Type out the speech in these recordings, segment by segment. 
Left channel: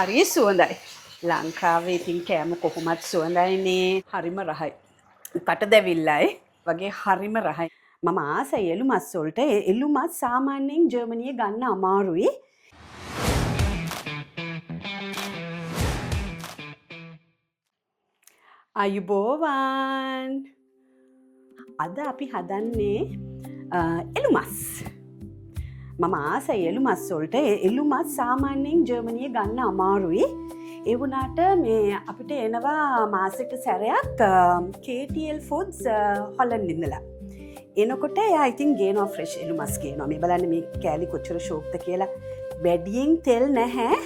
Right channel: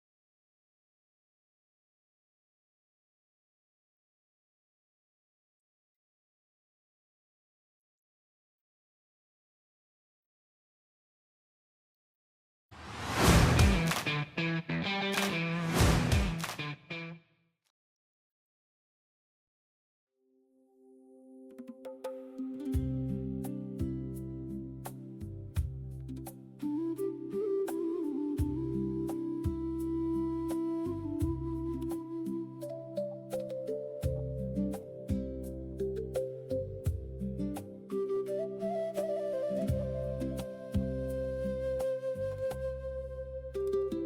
හරි සුවඳයි. ලංකාවේ ඉතින් කෑම කොහොමත් සුවඳයිනේ. හරිම රහයි. කට දැවිල්ලයි වගේ හරිම රහයි. මම ආසයි එළු මස් වලට. එළු මස් සාමාන්‍යයෙන් ජර්මනියේ ගන්න අමාරුයි. අයුබෝවන්. අද අපි හදන්නේ එළු මස්. මම ආසයි එළු මස් වලට. එළු මස් සාමාන්‍යයෙන් ජර්මනියේ ගන්න අමාරුයි. ඒ වුණාට මේ අපිට එනවා මාසෙක සැරයක් KTL Foods හොලන්ඩ් ඉඳලා. එනකොට එයා ඉතින් ගේනවා ෆ්‍රෙෂ් එළු මස් ගේනවා. මේ බලන්න මේ කෑලි කොච්චර ෂෝක්ද කියලා. වැඩියෙන් තෙල් නැහැ.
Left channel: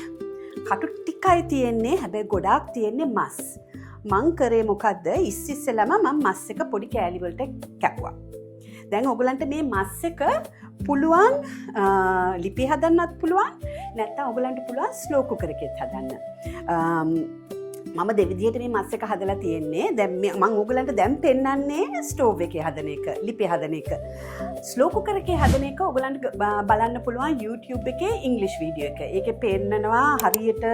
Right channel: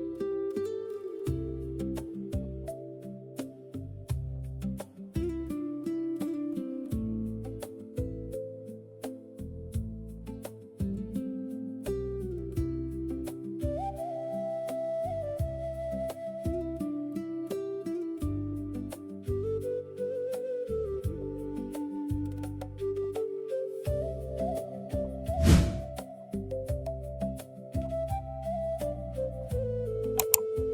කටු ටිකයි තියෙන්නේ. හැබැයි ගොඩාක් තියෙන්නේ මස්. මං කරේ මොකද්ද? ඉස්සෙල්ලාම මම මස් එක පොඩි කෑලි වලට කැපුවා. දැන් ඔයගලන්ට මේ මස් එක පුළුවන් ලිපේ හදන්නත් පුළුවන්. නැත්නම් ඔයගලන්ට පුළුවන් ස්ලෝ කුකර් එකෙත් හදන්න. මම දෙවිදියට මේ මස් එක හදලා තියෙන්නේ. දැන් මම ඔයගලන්ට දැන් පෙන්නන්නේ ස්ටෝව් එකේ හදන එක, ලිපේ හදන එක. ස්ලෝ කුකර් එකේ හදන එක ඔයගලන්ට බලන්න පුළුවන් YouTube එකේ ඉංග්‍රීසි වීඩියෝ එක. ඒකේ පෙන්නනවා හරියට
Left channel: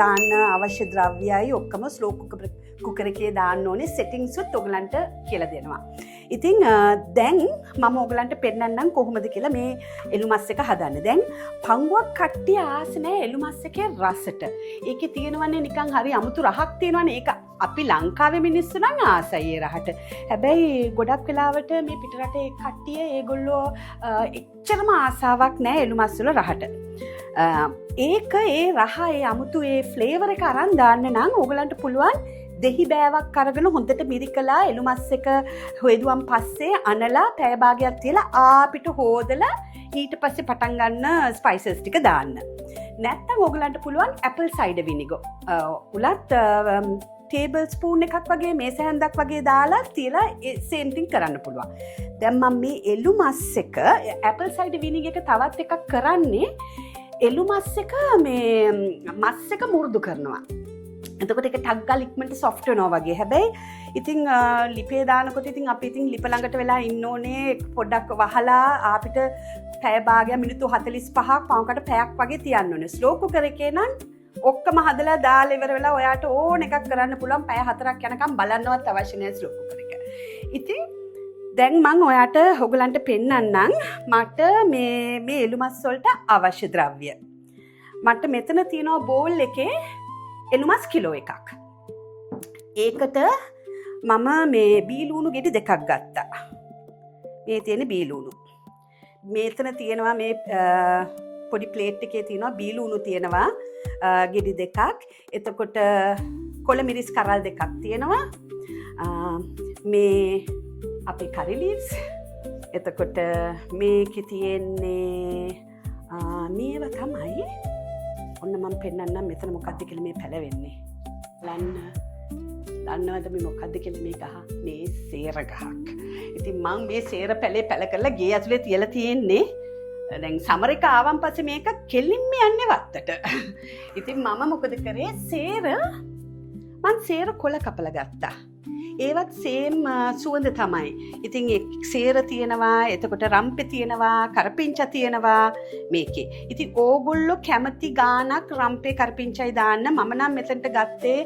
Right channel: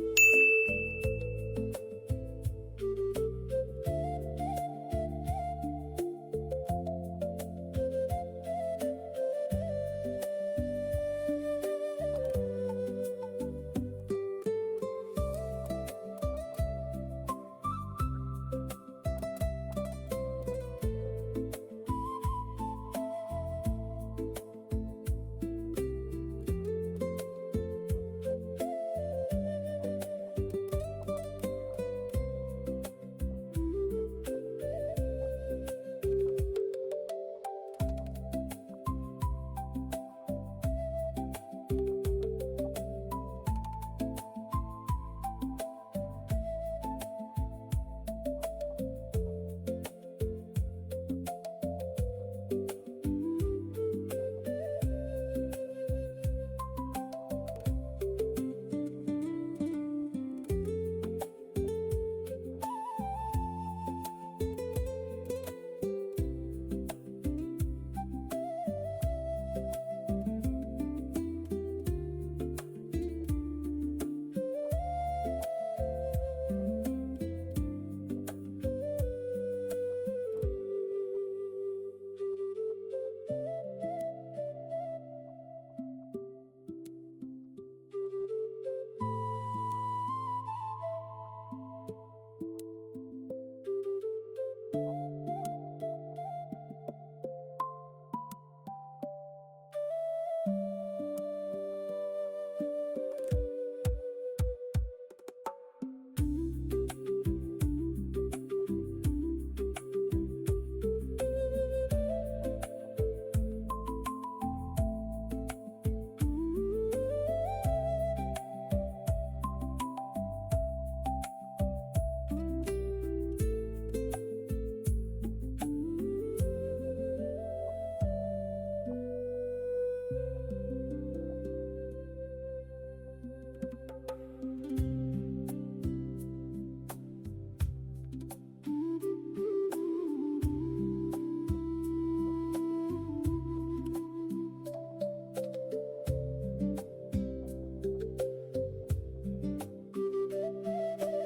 දාන්න අවශ්‍ය ද්‍රව්‍යයි ඔක්කොම ස්ලෝ කුකර් එකේ දාන්න ඕනේ. සෙටින්ග්ස් උත් ඔයගලන්ට කියලා දෙනවා. ඉතින් දැන් මම ඔයගලන්ට පෙන්නන්නම් කොහොමද කියලා මේ එළු මස් එක හදන්න. දැන් පංගුවක් කට්ටිය ආස නැහැ එළු මස් එකේ රසට. ඒකේ තියෙනවනේ නිකන් හරි අමුතු රහක් තියෙනවනේ. ඒක අපි ලංකාවේ මිනිස්සු නම් ආසයි ඒ රහට. හැබැයි ගොඩක් වෙලාවට මේ පිටරටේ කට්ටිය ඒගොල්ලෝ එච්චරම ආසාවක් නැහැ එළු මස් වල රහට. ඒක ඒ රහ ඒ අමුතු ඒ ෆ්ලේවර් එක අරන් දාන්න නම් ඔයගලන්ට පුළුවන් දෙහි බෑවක් අරගෙන හොඳට මිරිකලා එළු මස් එක හොයදුවන් පස්සේ අනලා පැය භාගයක් තියලා ආපිට හොදලා ඊට පස්සේ පටන් ගන්න ස්පයිසස් ටික දාන්න. නැත්නම් ඔයගලන්ට පුළුවන් ඇපල් සයිඩර් විනිගර් උලත් ටේබල් ස්පූන් එකක් වගේ මේස හැන්දක් වගේ දාලා තියලා සේම් තින් කරන්න පුළුවන්. දැන් මම මේ එළු මස් එක ඇපල් සයිඩර් විනිගර් එක තවත් එකක් කරන්නේ එළු මස් එක මේ මස් එක මුරුදු කරනවා. එතකොට ඒක ටක් ගාලා ඉක්මනට සොෆ්ට් වෙනවා වගේ. හැබැයි ඉතින් ලිපේ දානකොට ඉතින් අපි ඉතින් ලිප ළඟට වෙලා ඉන්න ඕනේ. පොඩ්ඩක් වහලා අපිට පැය භාගයක් මිනිත්තු 45ක් පවකට පැයක් වගේ තියන්න ඕනේ. ස්ලෝ කුකර් එකේ නම් ඔක්කොම හදලා දාලා ඉවර වෙලා ඔයාට ඕන එකක් කරන්න පුළුවන්. පැය 4ක් යනකම් බලන්නවත් අවශ්‍ය නැහැ ස්ලෝ කුකර් එක. ඉතින් දැන් මම ඔයාට ඔයගලන්ට පෙන්නන්නම් මට මේ එළු මස් වලට අවශ්‍ය ද්‍රව්‍ය. මට මෙතන තියෙනවා බෝල් එකේ එළු මස් කිලෝ එකක්. ඒකට මම මේ බීලුණු ගෙඩි දෙකක් ගත්තා. මේ තියෙන බීලුණු. මෙතන තියෙනවා මේ පොඩි ප්ලේට් එකේ තියෙනවා බීලුණු තියෙනවා ගෙඩි දෙකක්. එතකොට කොළ මිරිස් කරල් දෙකක් තියෙනවා. මේ අපේ කරි ලීව්ස්. එතකොට මේකේ තියෙන්නේ මේව තමයි. ඔන්න මම පෙන්නන්නම් මෙතන මොකක්ද කියලා මේ පැලවෙන්නේ. දන්නවද මේ මොකක්ද කියලා මේ ගහ? මේ සේර ගහක්. ඉතින් මම මේ සේර පැලේ පැල කරලා ගේ ඇතුලේ තියලා තියෙන්නේ. දැන් සමර එක ආවන් පස්සේ මේක කෙලින්ම යන්නේ වත්තට. ඉතින් මම මොකද කරේ? සේර කොළ කපලා ගත්තා. ඒවත් සේම් සුවඳ තමයි. ඉතින් සේර තියෙනවා, එතකොට රම්පේ තියෙනවා, කරපිංචා තියෙනවා මේකේ. ඉතින් ඕගොල්ලෝ කැමති ගානක් රම්පේ කරපිංචායි දාන්න. මම නම් මෙතනට ගත්තේ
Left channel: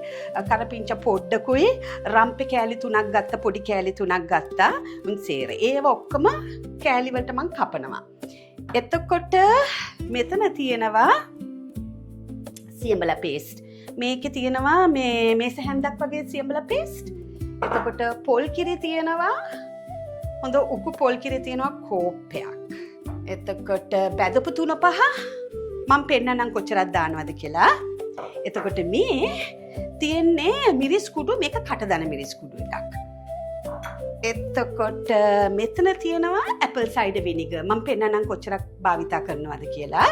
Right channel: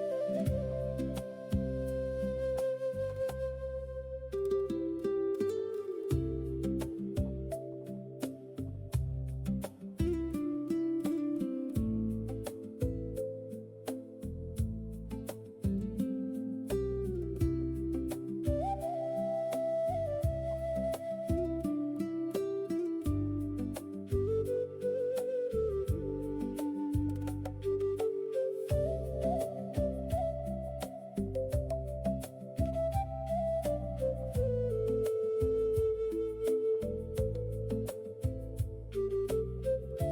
කරපිංචා පොඩ්ඩකුයි රම්පේ කෑලි 3ක් ගත්තා, පොඩි කෑලි 3ක් ගත්තා. සේර. ඒව ඔක්කොම කෑලි වලට මම කපනවා. එතකොට මෙතන තියෙනවා සියඹලා පේස්ට්. මේකේ තියෙනවා මේ සැහැන්දක් වගේ සියඹලා පේස්ට්. එතකොට පොල් කිරි තියෙනවා. හොඳ උකු පොල් කිරි තියෙනවා කෝප්පයක්. එතකොට බැදපු 3-5 මම පෙන්නන්නම් කොච්චරක් දානවද කියලා. එතකොට මේ තියෙන්නේ මිරිස් කුඩු, මේක කටදන මිරිස් කුඩු එකක්. එතකොට මෙතන තියෙනවා ඇපල් සයිඩර් විනිගර්. මම පෙන්නන්නම් කොච්චරක් භාවිතා කරනවද කියලා.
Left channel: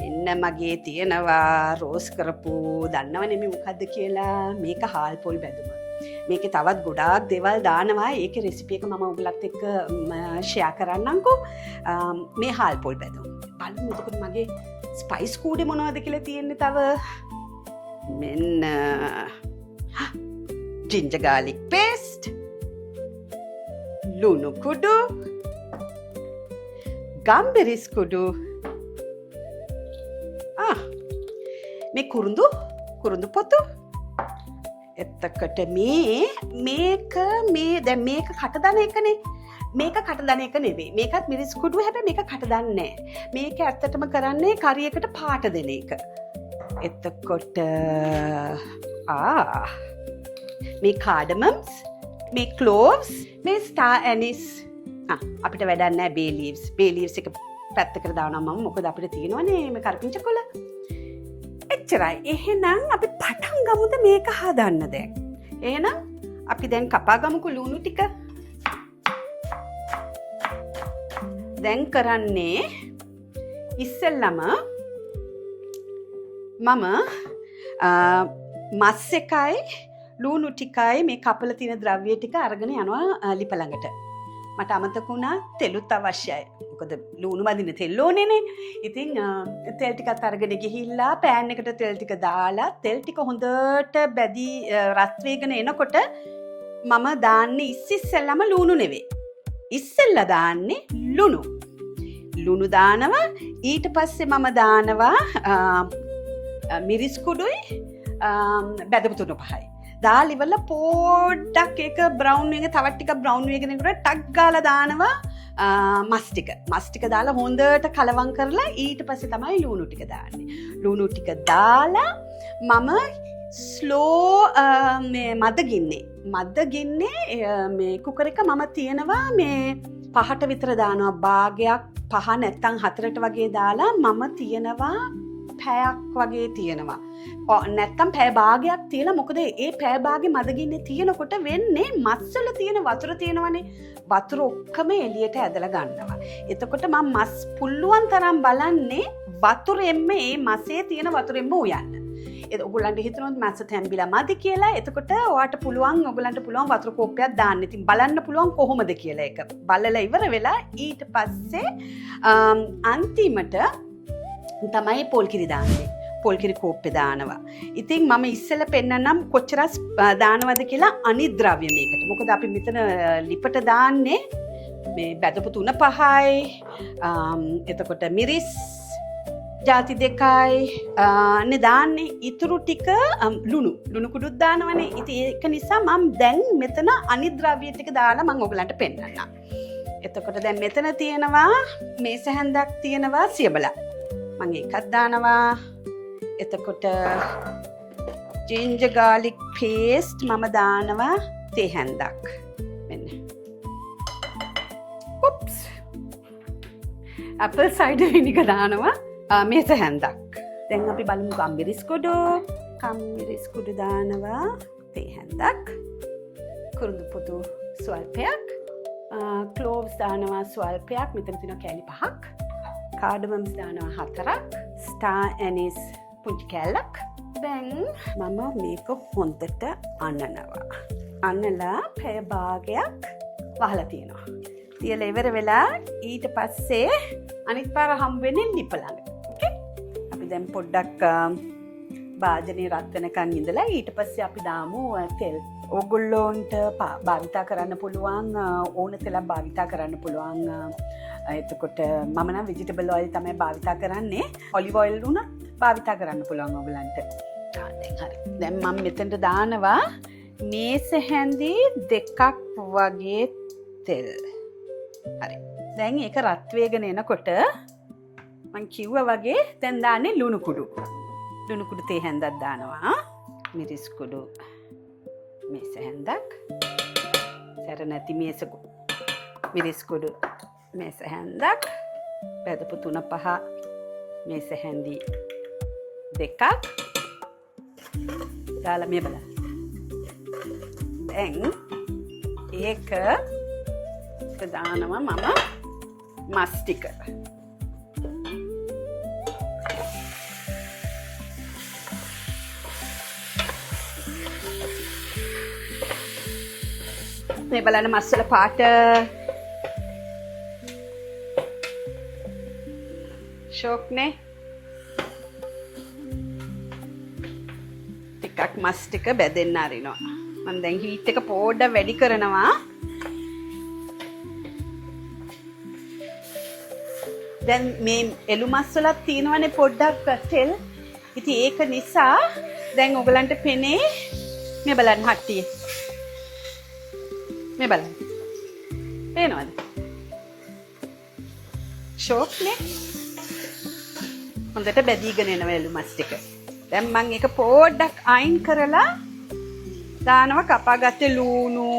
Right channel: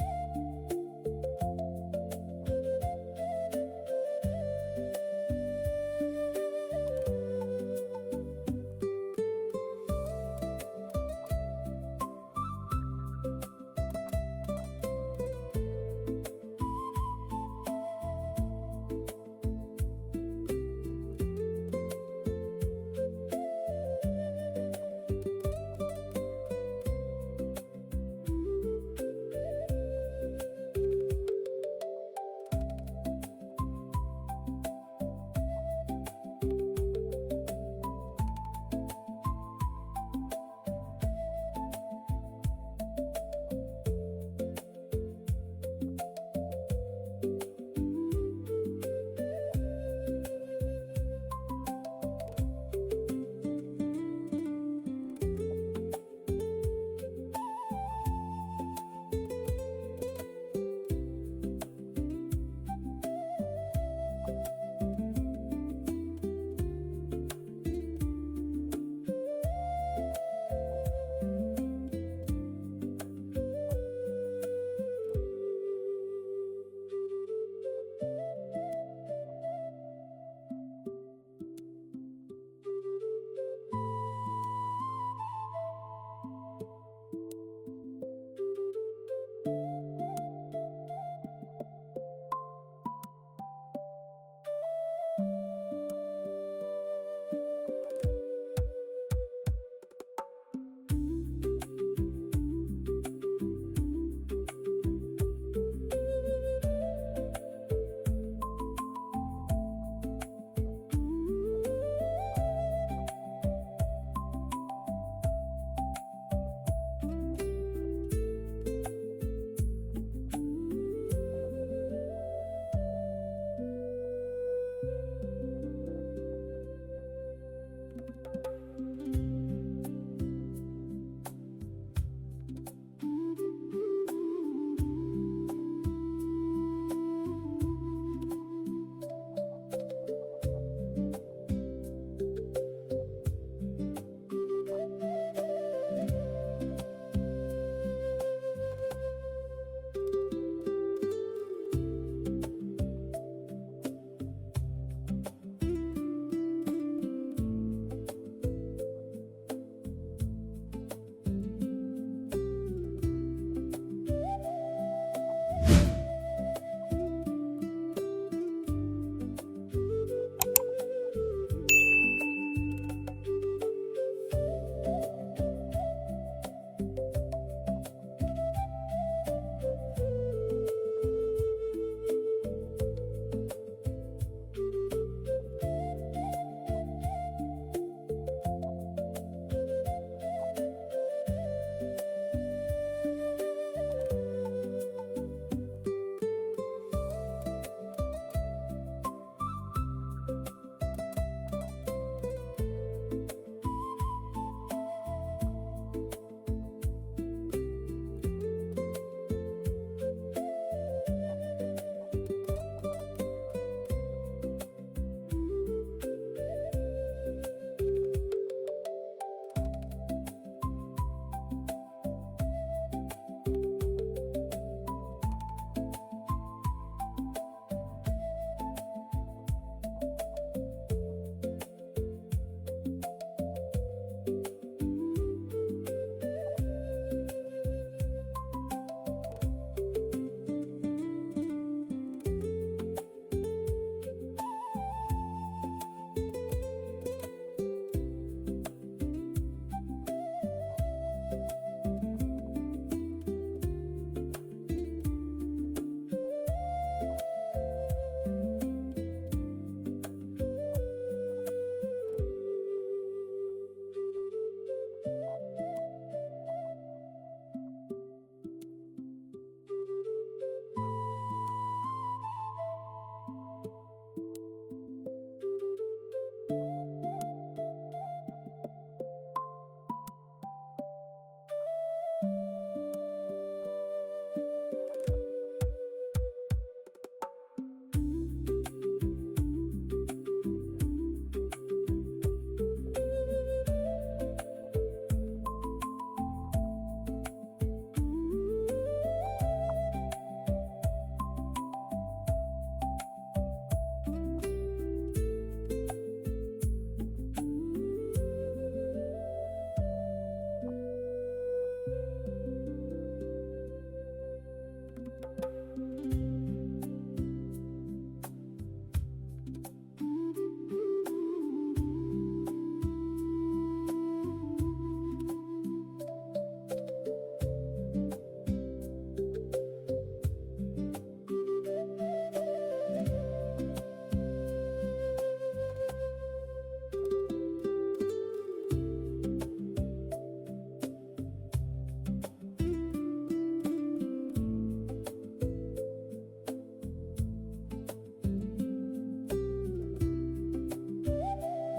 මෙන්න මගේ තියෙනවා රෝස් කරපු දන්නවනේ මේ මොකද්ද කියලා. මේක හාල් පොල් බැදුම. මේකේ තවත් ගොඩාක් දේවල් දානවා. ඒකේ රෙසිපි එක මම ඔයගලත් එක්ක ෂෙයා කරන්නම්කෝ. මේ හාල් පොල් බැදුම. බලමු එතකොට මගේ ස්පයිස් කූඩේ මොනවද කියලා තියෙන්නේ තව. මෙන්න ginger garlic paste, ලුණු කුඩු, ගම්බෙරිස් කුඩු, මේ කුරුඳු පොතු. එතකොට මේක දැන් මේක කටදන එකනේ. මේක කටදන එක නෙවෙයි. මේකත් මිරිස් කුඩු හැබැයි මේක කටදන්නේ නැහැ. මේක ඇත්තටම කරන්නේ කරියකට පාට දෙන එක. එතකොට මේ කාඩමම්ස්, මේ ක්ලෝව්ස්, මේ ස්ටාර් ඇනිස්. අපිට වැඩක් නැහැ බේ ලීව්ස්. බේ ලීව්ස් එක පැත්තකට දානවා මම. මොකද අපිට තියෙනවනේ මේ කරපිංච කොළ. එච්චරයි. එහෙනම් අපි පටන් ගමුද මේක හදන්න දැන්. එහෙනම් අපි දැන් කපා ගමුකෝ ලුණු ටික. දැන් කරන්නේ ඉස්සෙල්ලම මම මස් එකයි ලුණු ටිකයි මේ කපල තියෙන ද්‍රව්‍ය ටික අරගෙන යනවා ලිප ළඟට. මට අමතක වුණා තෙලුත් අවශ්‍යයි. මොකද ලුණු මදින තෙල් ඕනේනේ. ඉතින් තෙල් ටිකත් අරගෙන ගිහිල්ලා පෑන් එකට තෙල් ටික දාලා තෙල් ටික හොඳට බැදී රත් වෙගෙන එනකොට මම දාන්නේ ඉස්සෙල්ලාම ලුණු නෙවෙයි. ඉස්සෙල්ලා දාන්නේ ලුණු. ලුණු දානවා. ඊට පස්සේ මම දානවා මිරිස් කුඩුයි බැදපු තුන පහයි. දාලා ඉවරලා පොඩ්ඩක් ඒක බ්‍රවුන් වෙන තවත් ටිකක් බ්‍රවුන් වෙගෙන යනකොට ටක් ගාලා දානවා මස් ටික දාලා හොඳට කලවම් කරලා ඊට පස්සේ තමයි ලුණු ටික දාන්නේ. ලුණු ටික දාලා මම ස්ලෝ මේ මද ගින්නේ මේ කුකර් එක මම තියනවා මේ 5ට විතර දානවා. භාගයක් 5 නැත්තම් 4ට වගේ දාලා මම තියනවා පැයක් වගේ තියනවා. නැත්තම් පැය භාගයක් තියලා මොකද ඒ පැය භාගේ මදගින්නේ තියෙනකොට වෙන්නේ මස් වල තියෙන වතුර තියෙනවනේ. වතුර ඔක්කොම එළියට ඇදලා ගන්නවා. එතකොට මම මස් පුල්ලුවන් තරම් බලන්නේ වතුරෙන්ම මේ මසේ තියෙන වතුරෙන්ම උයන්න. ඔයගොල්ලන්ට හිතනොත් මස් තැම්බිලා මදි කියලා. එතකොට ඔයාලට ඔයගොල්ලන්ට පුළුවන් වතුර කෝප්පයක් දාන්න. ඉතින් බලන්න පුළුවන් කොහොමද කියලා එක. බලලා ඉවර වෙලා ඊට පස්සේ අන්තිමට තමයි පොල් කිරි දාන්නේ. පොල් කිරි කෝප්පේ දානවා. ඉතින් මම ඉස්සෙල්ලා පෙන්නන්නම් කොච්චර දානවද කියලා අනිත් ද්‍රව්‍ය මේකට. මොකද අපි මෙතන ලිපට දාන්නේ මේ බැදපු 3-5යි. එතකොට මිරිස් ජාති 2යි නේ දාන්නේ. ඉතුරු ටික ලුණු කුඩුත් දානවනේ. ඉතින් ඒක නිසා මම දැන් මෙතන අනිත් ද්‍රව්‍ය ටික දාලා මම ඔයගලන්ට පෙන්නන්නම්. එතකොට දැන් මෙතන තියෙනවා මේස හැන්දක් තියෙනවා සියබලා. මම එකක් දානවා. එතකොට ginger garlic paste මම දානවා තේ හැන්දක්. මෙන්න. oops. apple cider vinegar දානවා මේස හැන්දක්. දැන් අපි බලමු කම්බිරිස් කුඩු දානවා තේ හැන්දක්. කුරුඳු පොතු ස්වල්පයක්. cloves දානවා ස්වල්පයක්. මෙතන තියෙනවා කෑලි 5ක්. cardamom දානවා 4ක්. star anise පුංචි කෑල්ලක්. දැන් මම මේක හොඳට අනනවා. අනලා පැය භාගයක් වහලා තියෙනවා. තියලා ඉවර වෙලා ඊට පස්සේ අනිත් පාර හම්බ වෙන්නේ ලිප ළඟ. ඕකේ. අපි දැන් පොඩ්ඩක් භාජනේ රත් වෙනකන් ඉඳලා ඊට පස්සේ අපි දාමු තෙල්. ඕගොල්ලොන්ට භාවිතා කරන්න පුළුවන් ඕන තෙලක් භාවිතා කරන්න පුළුවන්. එතකොට මම නම් vegetable oil තමයි භාවිතා කරන්නේ. olive oil උනත් භාවිතා කරන්න පුළුවන් ඔයගලන්ට. දැන් හරි. දැන් මම මෙතනට දානවා මේස හැන්දි 2ක් වගේ තෙල්. හරි. දැන් ඒක රත් වේගෙන එනකොට මම කිව්වා වගේ දැන් දාන්නේ ලුණු කුඩු තේ හැන්දක් දානවා. මිරිස් කුඩු මේස හැන්දක්. සැර නැති මිරිස් කුඩු මේස හැන්දක්. බෙදපු 3-5 මේස හැන්දි 2ක් දාලා මේ බලන්න. දැන් ඒක දානවා මම මස් ටික. මේ බලන්න මස් වල පාට ෂොක්නේ. ටිකක් මස් ටික බැදෙන්න අරිනවා. මම දැන් හීට් එක පොඩ්ඩක් වැඩි කරනවා. දැන් මේ එළු මස් වලත් තියෙනවනේ පොඩ්ඩක් තෙල්. ඉතින් ඒක නිසා දැන් ඔයගලන්ට පෙනේ මේ බලන්න හට්ටිය. මේ බලන්න. පේනවද? ෂෝක් නේ. හොඳට බැදීගෙන එනවා එළුමස් ටික. දැන් මම ඒක පොඩ්ඩක් අයින් කරලා දානවා කපාගත්ත ලූණු,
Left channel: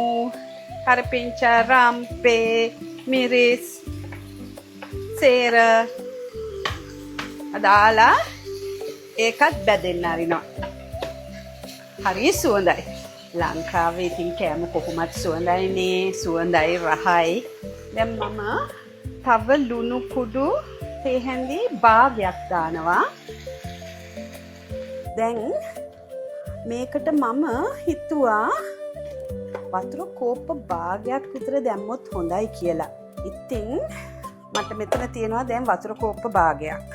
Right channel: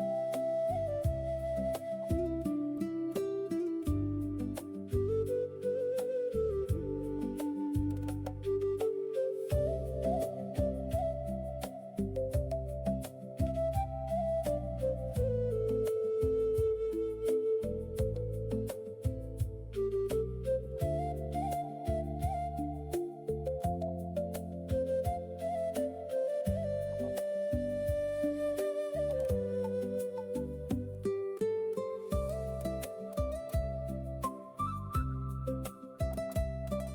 කරපිංචා, රම්පේ, මිරිස්, සේර දාලා ඒකත් බැදෙන්න අරිනවා. හරි සුවඳයි. ලංකාවේ ඉතින් කෑම කොහොමත් සුවඳයිනේ, සුවඳයි රහයි. දැන් මම තව ලුණු කුඩු තේ හැඳි භාගයක් දානවා. දැන් මේකට මම හිතුවා වතුර කෝප්ප භාගයක් විතර දැම්මොත් හොඳයි කියලා. ඉතින් මට මෙතන තියෙනවා දැන් වතුර කෝප්ප භාගයක්.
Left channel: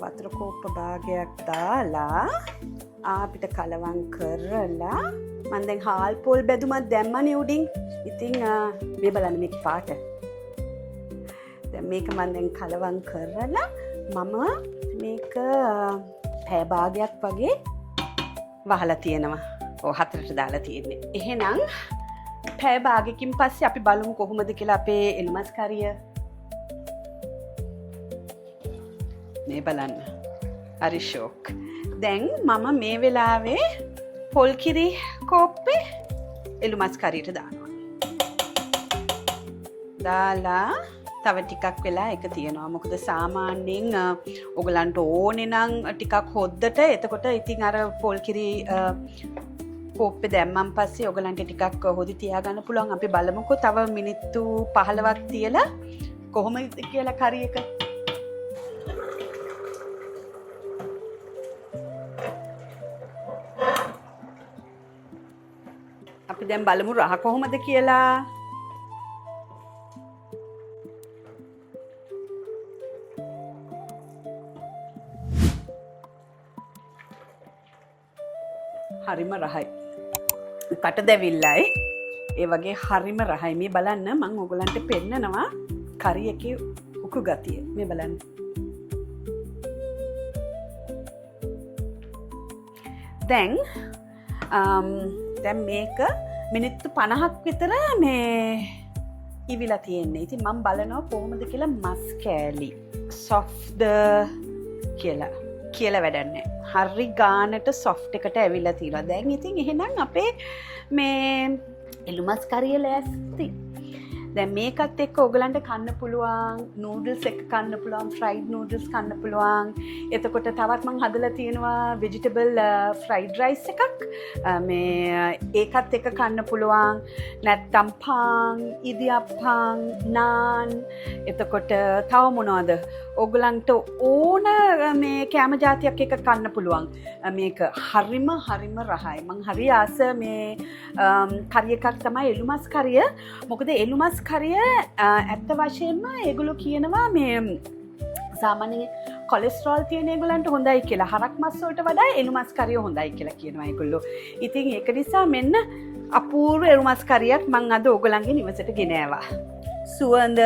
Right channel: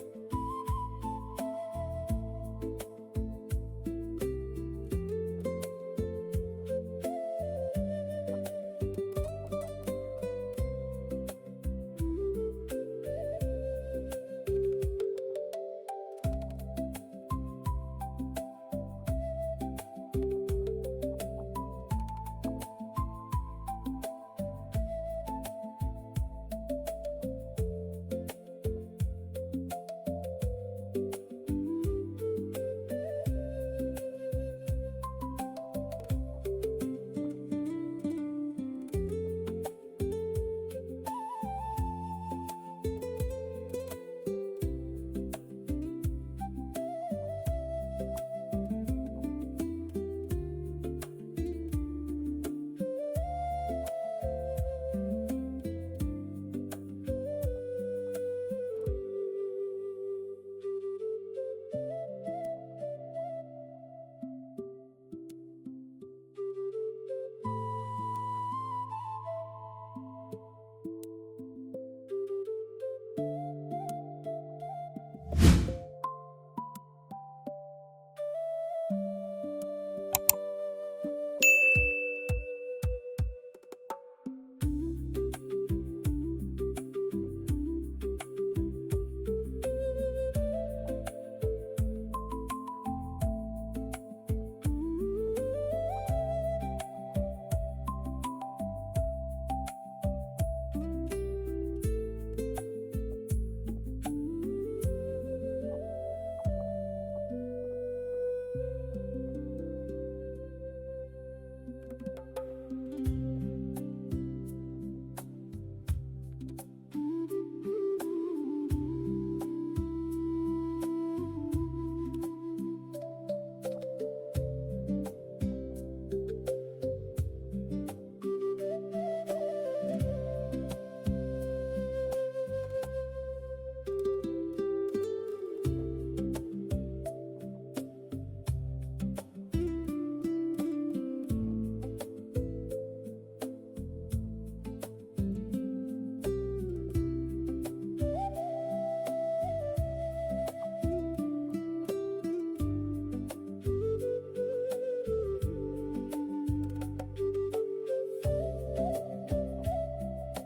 වතුර කෝප්ප භාගයක් දාලා අපිට කලවම් කරලා මම දැන් හාල් පොල් බැදුමක් දැම්මනේ උඩින්. ඉතින් මේ බලන්න මේක පාට. දැන් මේක මම දැන් කලවම් කරලා මම මේක පැය භාගයක් වගේ වහලා තියෙනවා. ඔව් 4ට දාලා තියෙන්නේ. එහෙනම් පැය භාගයකින් පස්සේ අපි බලමු කොහොමද කියලා අපේ එළුමස් කරිය. මේ බලන්න. හරි ෂෝක්. දැන් මම මේ වෙලාවේ පොල් කිරි කෝප්පේ එළුමස් කරියට දානවා. දාලා තව ටිකක් වෙලා එක තියෙනවා. මොකද සාමාන්‍යයෙන් ඔයගලන්ට ඕනේ නම් ටිකක් හොද්දට එතකොට ඉතින් අර පොල් කිරි කෝප්පේ දැම්මන් පස්සේ ඔයගලන්ට ටිකක් හොදි තියාගන්න පුළුවන්. අපි බලමුකෝ තව මිනිත්තු 15ක් තියලා කොහොමද කියලා කරි එක. අපි දැන් බලමු රහ කොහොමද කියලා. හරිම රහයි. කට දැවිල්ලයි. ඒ වගේ හරිම රහයි. මේ බලන්න මම ඔයගලන්ට පෙන්නනවා කරි එකේ උකු ගතිය. මේ බලන්න. දැන් මේක මිනිත්තු 50ක් විතර මේ ඉවිලා තියෙන්නේ. ඉතින් මම බලනවා කොහොමද කියලා මස් කෑලි soft කියලා වැඩක් නැහැ. හරි ගානට soft එකට ඇවිල්ලා තියෙනවා. දැන් ඉතින් එහෙනම් අපේ මේ එළුමස් කරිය ලෑස්ති. දැන් මේකත් එක්ක ඔයගලන්ට කන්න පුළුවන් නූඩල්ස් එක කන්න පුළුවන්, ෆ්‍රයිඩ් නූඩල්ස් කන්න පුළුවන්. එතකොට තවත් මම හදලා තියෙනවා ভেජිටබල් ෆ්‍රයිඩ් රයිස් එකක්. ඒකත් එක්ක කන්න පුළුවන්. නැත්තම් පාන්, ඉදියප්පන්, නාන්. එතකොට තව මොනවද? ඔයගලන්ට ඕන මේ කෑම જાතියක් එක කන්න පුළුවන්. මේක හරිම රහයි. මං හරි ආස මේ කරිය එකක් තමයි එළුමස් කරිය. මොකද එළුමස් කරිය ඇත්ත වශයෙන්ම ඒගොල්ලෝ කියනවා මේ සාමාන්‍ය කොලෙස්ටරෝල් තියෙන ඒගොල්ලන්ට හොඳයි කියලා. හරක් මස් වලට වඩා එළුමස් කරිය හොඳයි කියලා කියනවා ඒගොල්ලෝ. ඉතින් ඒක නිසා මෙන්න අපූර්ව එළුමස් කරියක් මං අද ඕගොල්ලන්ගේ නිවසට ගෙන ආවා. සුවඳ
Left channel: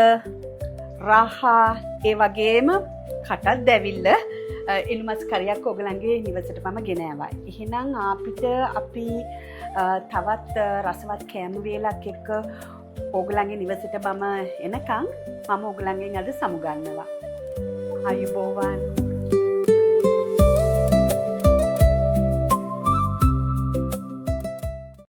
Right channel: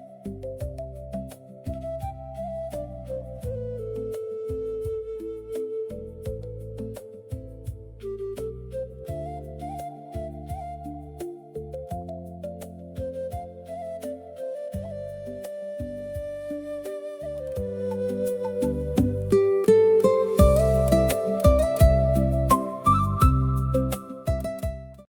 රහ ඒ වගේම කටත් දැවිල්ල එළුමස් කරියක් ඔයගලන්ගේ නිවසට මම ගෙන ආවා. එහෙනම් අපි තවත් රසවත් කෑම වේලක් එක්ක ඔයගලන්ගේ නිවසට මම එනකන් මම ඔයගලන්ගෙන් අද සමුගන්නවා. ආයුබෝවන්.